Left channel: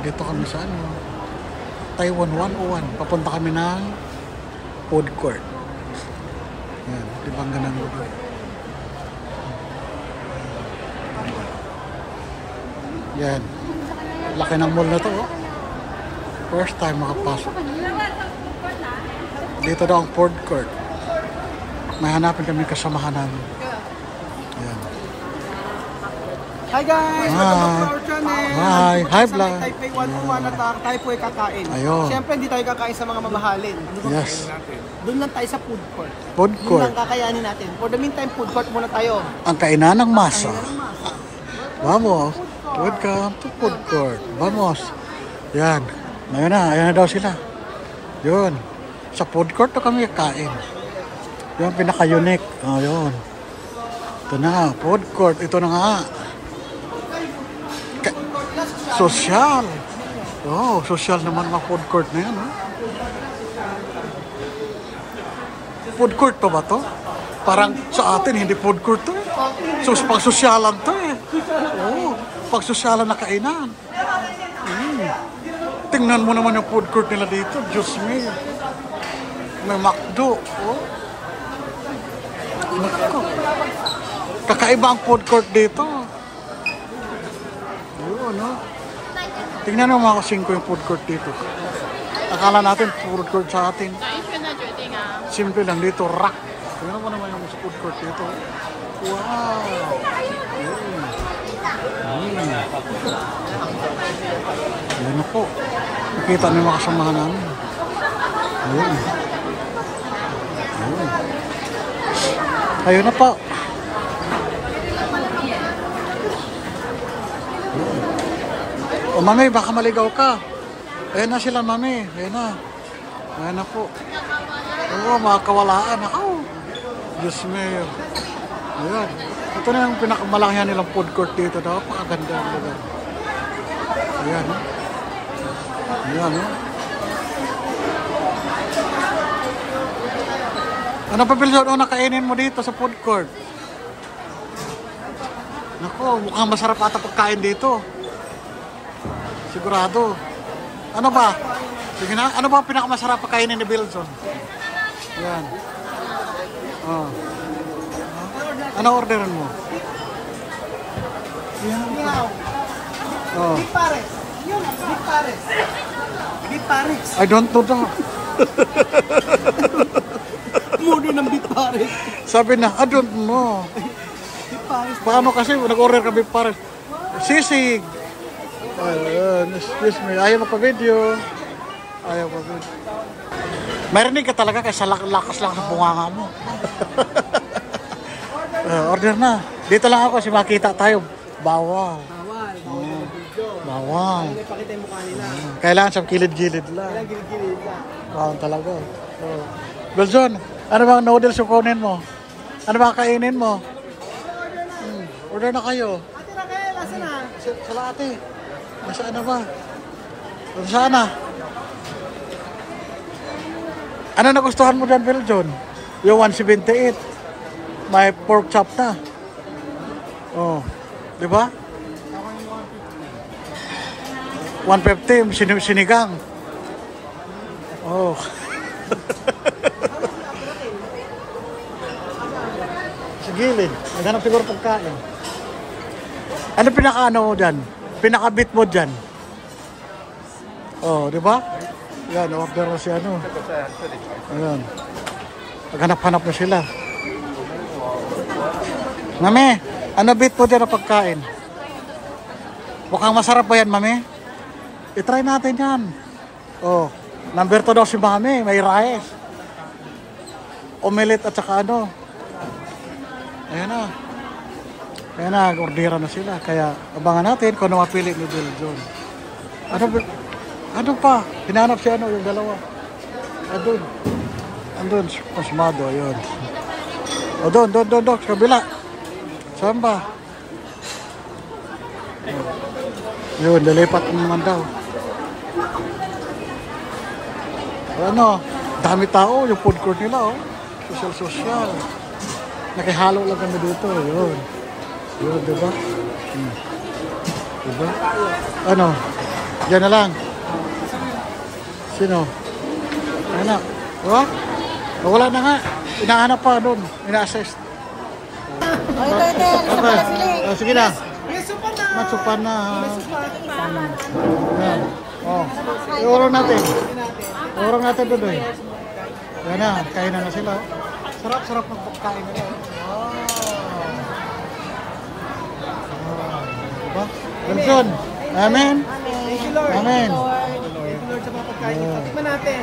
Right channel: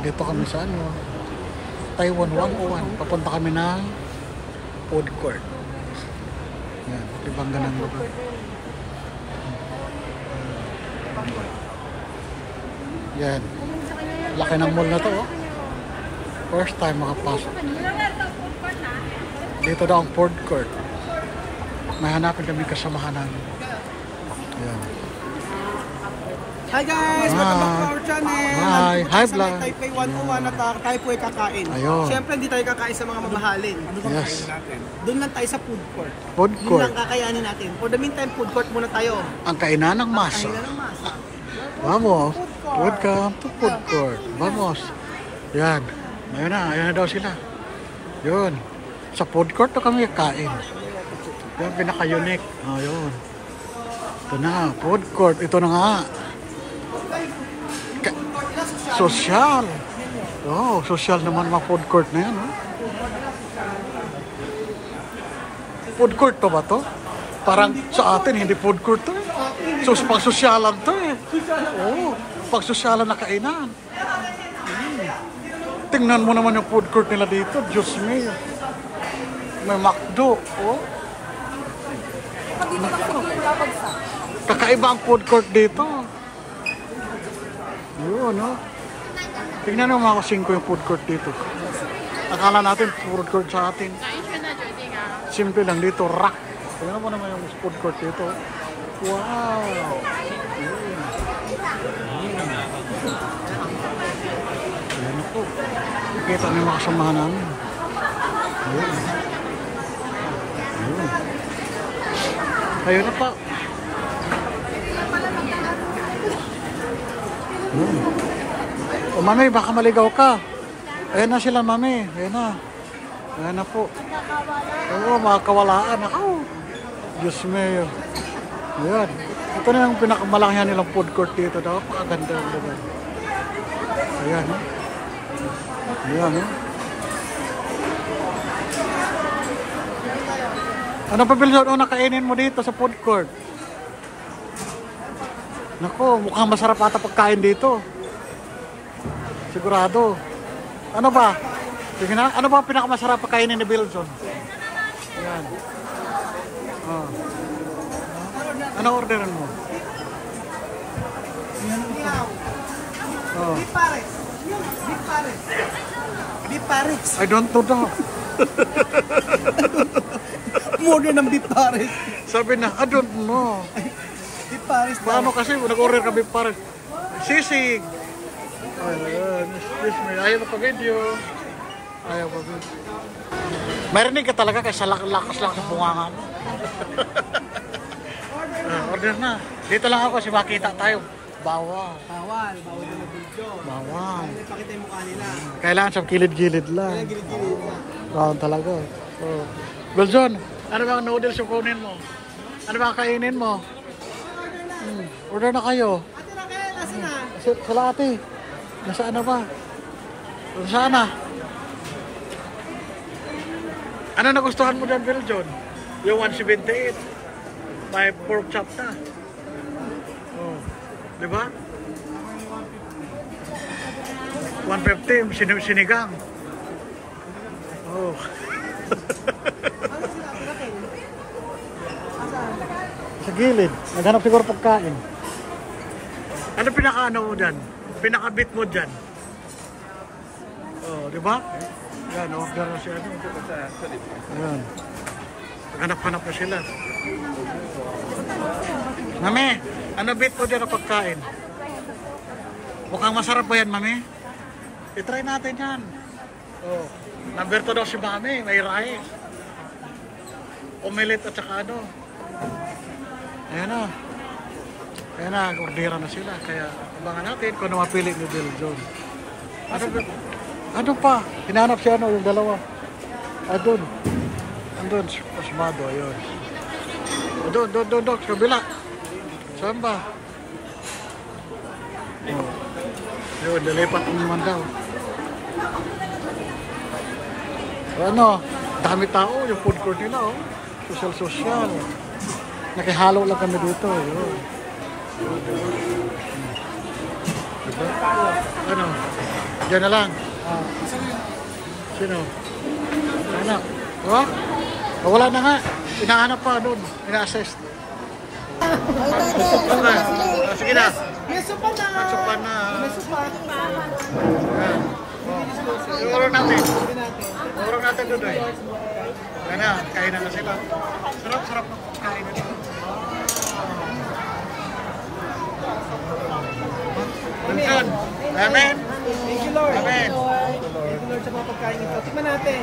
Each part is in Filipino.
Dito kami sa ano, Taiwan 101. Papunta kami ng food court. Yan, ibang ganang lugar. Yan. Laki ng mall na to, oh. First time makapasok. Dito daw ang food court. May hanapin kami kasamahan namin. Yan. Hi guys! Welcome back to our channel! Hi! Hi vlog! Taipei 101 at tayo po ay kakain. Ayun. Siyempre hindi tayo kakain sa mga mamahalin. Yes. Doon lang tayo sa food court. Food Yun court. lang kakayanin natin. For the meantime, food court muna tayo. Ang kainan ng masa. Ayun ang masa. Vamos. Welcome to food court. Vamos. Yan. Ayan na daw sila. Yun. Sa food court to kami kakain. Yung pinaka-unique. Ayun. Ito na. Food court. Ito na nga. Social. Oh, social naman mga food court na yan. Oh. Food court to ba to? Parang sa atin, hindi food court to eh. So, pang-sosyalan to eh. Oh, pang-sosyalan na kainan. Tingnan mo naman yung food court nila dito. Diyos me. May McDo. Oh. Nako. Kakaiba ang food court dito. Yun, no? Tingnan mo mga kasingko yung food court dito. Akala natin food court sa atin. Simple lang dito, rock. Tingnan mo naman yung food court dito. Wow! Ayan po. Nakita niyo mga kasamahan namin. Ayun. Ayun. Ayun na po. Ayun. O mami, baka maligaw ka. Ayan na sila mami. Ayan na. Ayan na po. Oo, mga kawalaan. Oh, Diyos me. Ayan. Ito na yung pinakamalangyan nilang food court dito. Napakaganda ang lugar. Ayan. Ayan. Ano pa Bilson? Ano nakainin mo dito sa food court? Nako, mukhang masarap ata pagkain dito. Sigurado. Ano ba? Sige na. Ano ba ang pinakamasarap pagkainin ni Bilson? Ayan. Oh. Ano orderan mo? Oh. Beef pares. Beef pares. Beef pares. I don't know that. Muna ng beef pares. Sabi na, I don't know. Beef pares. Paano kasi nag-order ka beef pares? Sisig. Ayun, excuse me. Ayaw magpa-video. Ayaw magpa-video. Marinig ka talaga kasi lakas lang sa bunganga mo. Order na. Dito lang ako kasi makita tayo. Bawal. Bawal. Bawal na video. Bawal. Hindi pakita yung mukha nila. Kailangan sa kilid-gilid lang. Kailangan gilid-gilid ka. Bawal talaga. Oh. Beljon, ano bang noodles yung kunin mo? Ano bang kainin mo? Order na kayo. Ate Raquel, asa na? Sala ate. Nasaan na ba? Nasaan na? Ano nagustuhan mo dyan, Beljon? Yung 178. May pork chop na. Oh. Di ba? 150. Sinigang. Oh. Sa gilid. Naghanap siguro pagkain. Ano pinaka-ano mo dyan? Pinaka-bit mo dyan? Oh, di ba? Yan, order na si ano. Ayan. Naghanap-hanap na sila. Mami, ano bit mo dyan ang pagkain? Mukhang masarap ba yan, mami? I-try natin yan. Oh, number 2 daw si mami. May rice. Omelette at saka ano. Ayan na. Ayan na, ordera na sila. Kaya abangan natin kung ano mapili ni Beljon. Ano pa? Hinanap si ano, yung dalawa. Andun. Andun, Osmado, yun. O doon, sa kabila. Saan ba? Oh. Yun, lilipat naman daw. O ano, dami tao, yung food court nila, oh. Social. Nakihalo lang kami dito, yun. Yun, diba? Diba? Ano? Diyan na lang. Sino? Ano? Oh? Wala na nga. Inahanap pa doon. Ina-assess. Ito. Gusto pala sila eh. Sige na. May supan na. Matsupan na. May supan. Iurong natin. Iurong natin doon. Ayan, kain na sila. Sarap-sarap po kain na doon. Amen. Amen. Thank you, Lord. Amen. Thank you, Lord, sa mga pagkain ito. Tikman natin.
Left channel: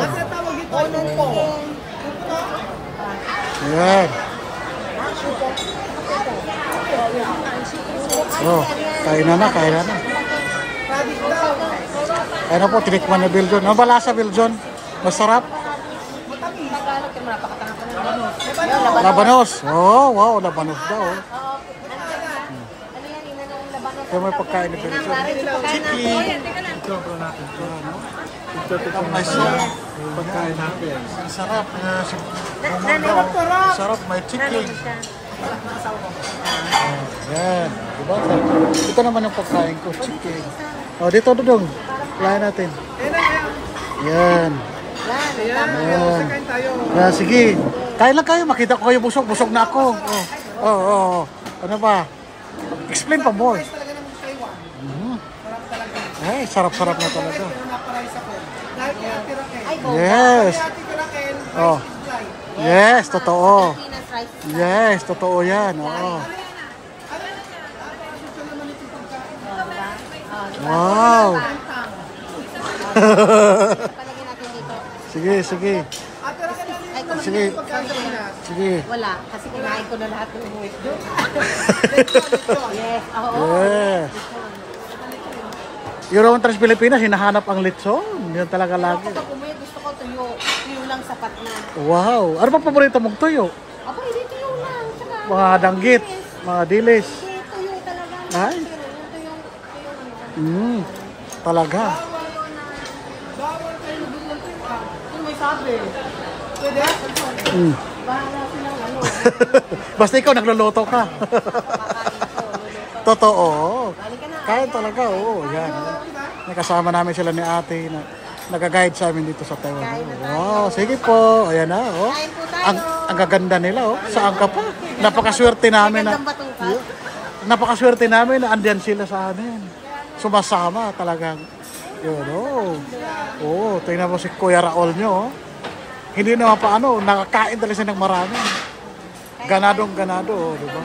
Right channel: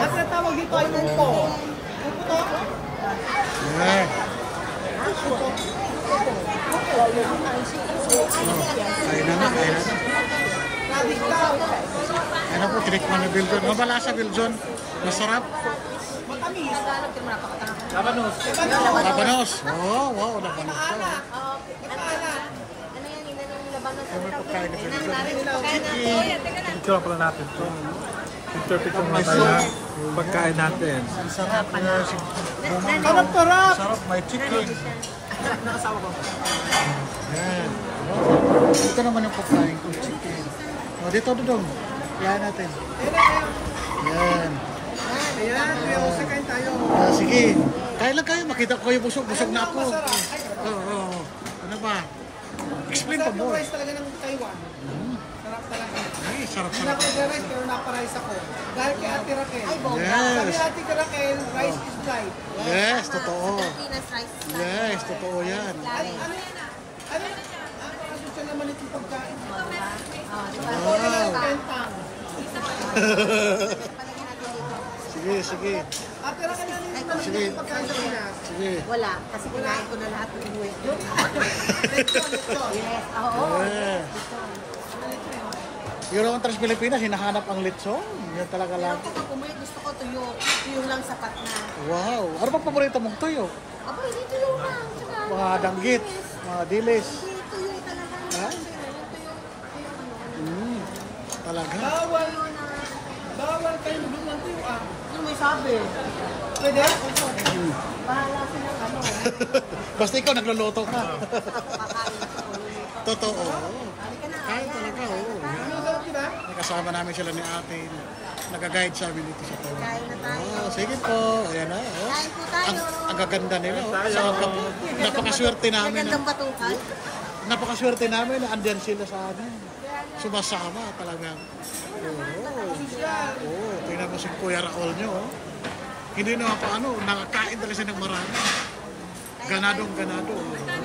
At tinatawag dito ay umpo. Umpo to? Ayan. Oh, kain na. Radik daw. Kaya na po, tinikman na Biljon. Ano ba lasa, Biljon? Masarap? Matamis. Labanos. Oh, wow, labanos daw. Ito may pagkain na Biljon. Chicken. Ito ako natin. Ang may soup. Pagkain natin. Ang sarap. Bumon Sarap, sarap. Sarap, may chicken. Yan. Diba? Ito naman yung pagkain ko, chicken. O, dito dudong. Kaya natin. Yan. Ayan. Sakain tayo. Yan, sige. Kain lang kayo. Makita ko kayo busog. Busog na ako. Oo. Ano ba? Explain pa more. Rice talaga ng Taiwan. Sarap talaga. Ay, sarap-sarap na Rice talaga. pero naparice ako. Dahil kay Ate Raquel. Yes. Sabi Ate Raquel, Oh. rice is life. Yes, totoo. Pinas rice. Yes, totoo yan. Oo. Ano? Napakasosyo naman itong pagkain. Wow. Kentang. Sige. Ate Raquel, ano yung Sige. pagkain sa Pinas? Sige. Wala. Kasi kinain ko na lahat ng buhay. Yes. Oo. Yes. Yung Tres Pilipinas, hinahanap ang litson. Yun talaga lagi. Kapag umuwi, gusto ko tuyo. Tuyo lang sapat na. Wow. Ano pa paborito mong tuyo? Ako, hindi tuyo lang. Tsaka, Mga danggit, mga dilis. hindi tuyo talaga. Ay. Talaga. Bawal kayo lubog ng tuyuan. Ano may sabi? Pwede? Bahala silang ano. Basta ikaw nagluluto ka. Totoo. Kaya talaga, oo. Yan. May kasama namin sila ni ate na nag-guide sa amin dito sa Taiwan. Oh, sige po. Ayan na, oh. Kain po tayo. Ang gaganda nila, oh. Saan ka pa? Napakaswerte namin na Magandang batukan. napakaswerte namin na andyan sila sa amin. Sumasama talagang. Yun, oh. Oh, tingnan mo si Kuya Raul nyo, oh. Hindi naman pa ano, nakakain talaga siya ng marami. Ganadong ganado, oh, diba?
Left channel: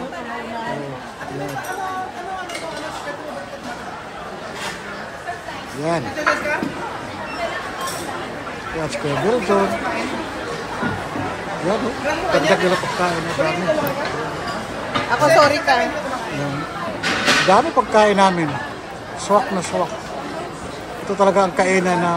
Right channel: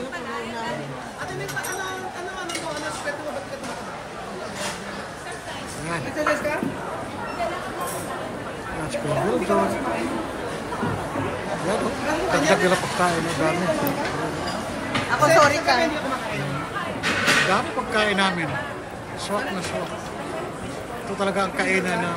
Yan. Ito guys ka? Yan, si Kuya Biljon. Yan, oh. Dagdag nila pagkain, oh. Dami. Ako, sorry ka. Yan. Dami pagkain namin. Swak na swak. Ito talaga ang kainan na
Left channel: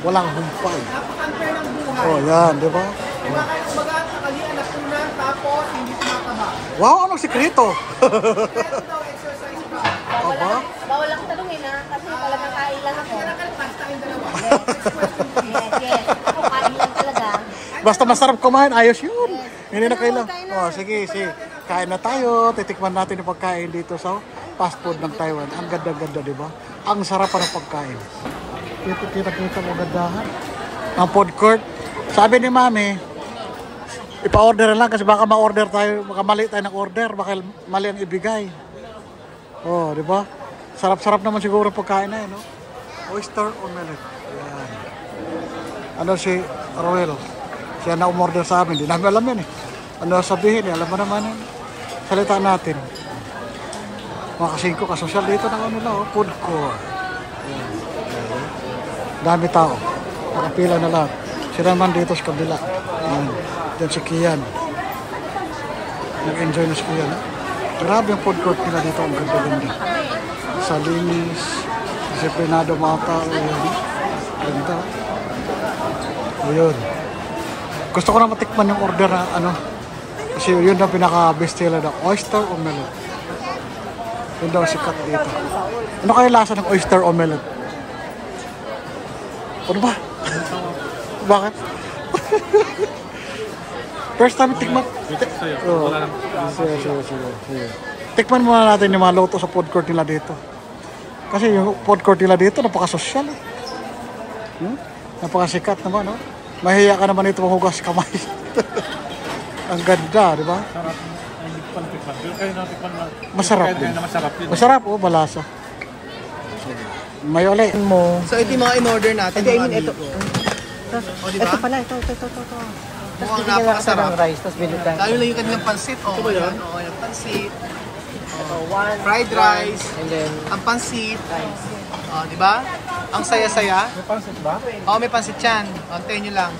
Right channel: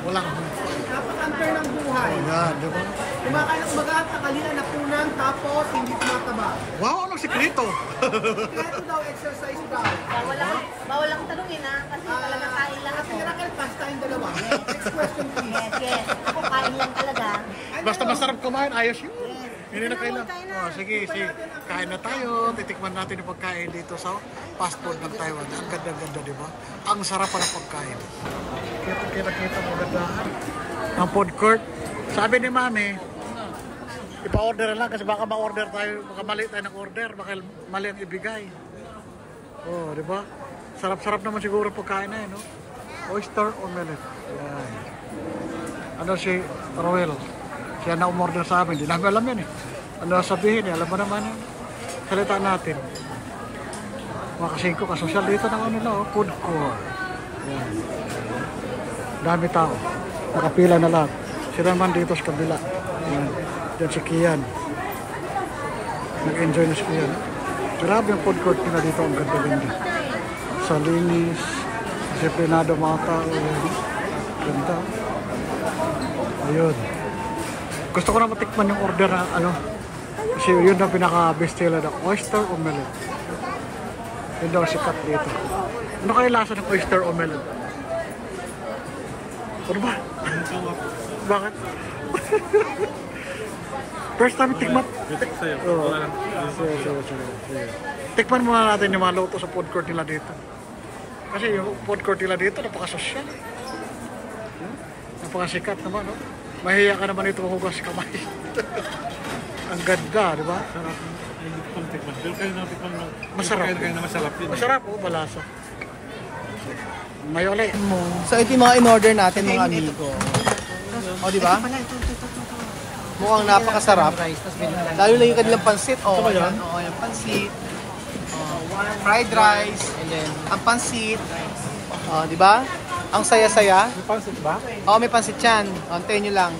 walang humpay. Napaka-unfair ng buhay. Oh, yan, di ba? Kumagaan takalian na punan tapos hindi tumataba. Wow, anong sikreto? Ito daw exercise proud. Aba? Bawal lang tanungin ha. Kasi talagang kain lang ako. Ate Raquel, pass tayong dalawa. Next question please. Yes. Ako kain lang talaga. Basta masarap kumain, ayos yun. Hindi na kailang. Oh, sige. Kain na tayo. Titikman natin yung pagkain dito sa fast food ng Taiwan. Ang ganda-ganda, di ba? Ang sarap pa ng pagkain. Kita mo gandahan. Ang food court. Sabi ni Mami, ipa-order lang kasi baka ma-order tayo, baka mali tayo ng order, baka mali ang ibigay. Oh, di ba? Sarap-sarap naman siguro pagkain na yun, no? Oyster omelette. Yan. Ano si Roel? Siya na umorder sa amin. Di namin alam yan eh. Ano sabihin eh. Alam mo naman yun. Salita natin. Mga kasingko, kasosyal dito na nila, oh. Food court. Ayan. Dami tao. Nakapila na lahat. Sila naman dito sa kabila. Ayan. Diyan si Kian. Nag-enjoy na si Kian. Eh. Grabe yung food court nila dito. Ang ganda-ganda. Sa linis. Disiplinado mga tao. Ayan. Ganda. Ayun. Gusto ko na matikman yung order na ano. Kasi yun ang pinaka-best seller na oyster omelette. Yun daw sikat dito. Ano kaya lasa ng oyster omelette? Ano ba? Bakit? First time tikman? Oo. Sige. Tikman muna natin yung mga luto sa food court nila dito. Kasi yung food court nila dito, napaka-social. Napakasikat naman, no? Mahiya ka naman ito mahugas kamay. Ang ganda, di ba? Sarap. Ay, hindi ko pa natikman. Pero kayo natikman na. Masarap. Kayo na masarap yun. Masarap, oh, malasa. May ulit. So ito yung mga in-order natin mga amigo. O, di ba? Ito pala, ito. Mukhang napakasarap. Rice, tapos binigyan. Lalo na yung kanilang pansit. O, ayan. O, yung pansit. Fried rice. Ang pansit. O, di ba? Ang saya-saya. May pansit ba? O, may pansit yan. O, antayin nyo lang.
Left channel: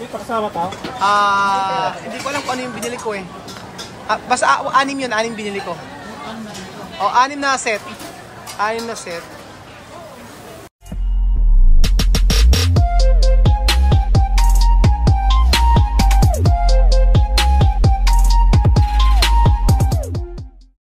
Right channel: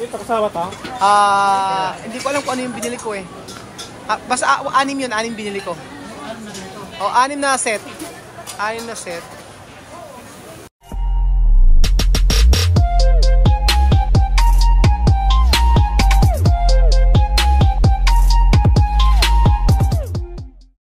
Ito kasama to? Hindi ko alam kung ano yung binili ko eh. Basta 6 yun, 6 binili ko. O, 6 na set. 6 na set.